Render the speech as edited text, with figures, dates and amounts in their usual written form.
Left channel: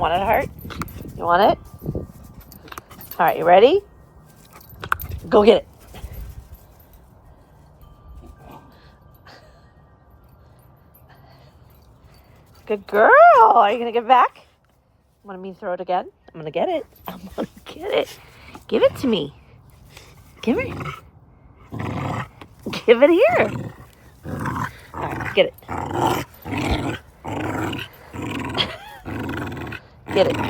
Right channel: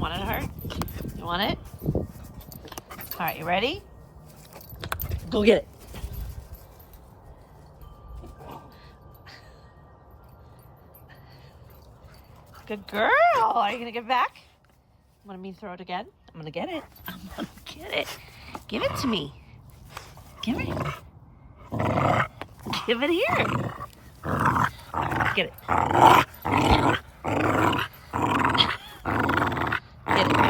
want it, Heart? You want it? All right, you ready? Go get it. Good girl. Are you going to give it back? Want me to throw it again? I'm going to get it. I'm going to get it. Give it to me. Give it. Give it here. Get it. Get it.